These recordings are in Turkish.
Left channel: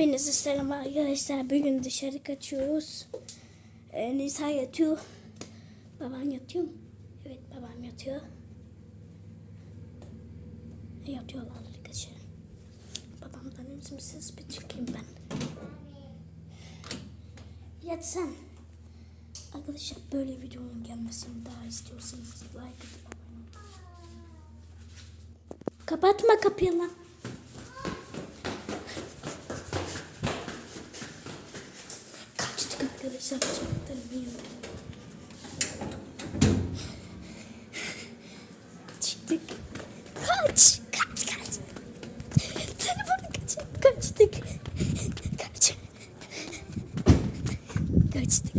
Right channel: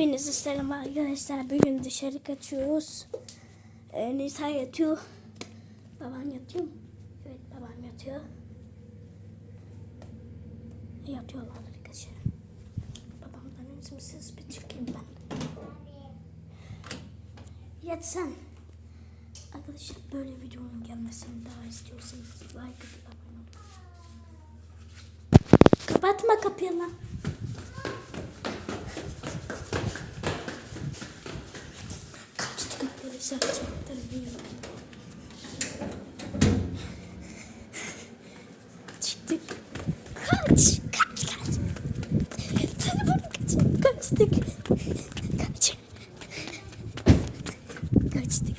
Hepinize selam arkadaşlar. Bugün dışarı kaçıyoruz. Ee, Nisa yatıyor. Babam yatıyor mu? Evet babam yatıyor. Yatıyorlar arkadaşlar. Babamdan üzümsüz bir çıkayım ben. Yat sen. Arkadaşlar böyle videonun gelmesini daha istiyorsanız like atıp abone olun. Kapatma kapıyı lan. Arkadaşlar. Çaktırmayın. Çıktık. Kaç, kaç, kaç. Telefonu kaç, kaçtık. Kaç. Kaçtık,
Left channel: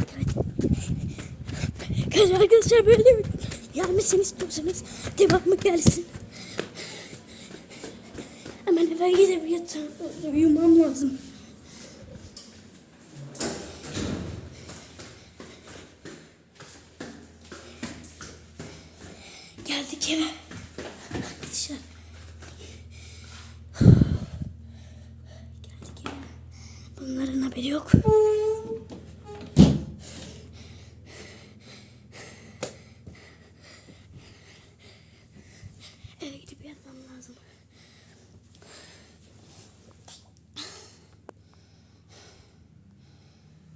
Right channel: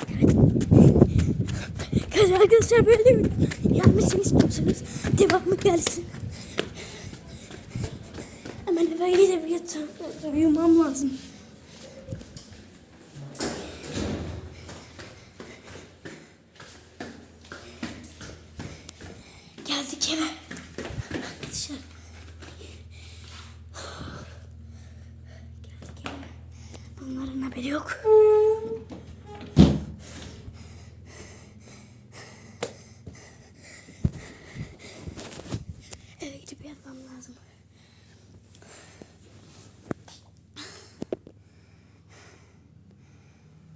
kaç. Arkadaşlar böyle mi? Gelmesini istiyorsanız devamı gelsin. Hemen eve gidip yatağım. Uyumam lazım. Geldik eve. Arkadaşlar. Geldik eve. Bunların haberi yok. Eve gidip yatmam lazım.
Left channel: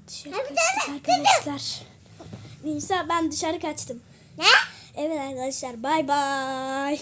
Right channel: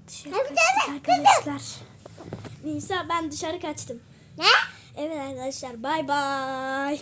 Dışarı kaçtık arkadaşlar. Nisa ben dışarı kaçtım. Ne? Evet arkadaşlar bay bay.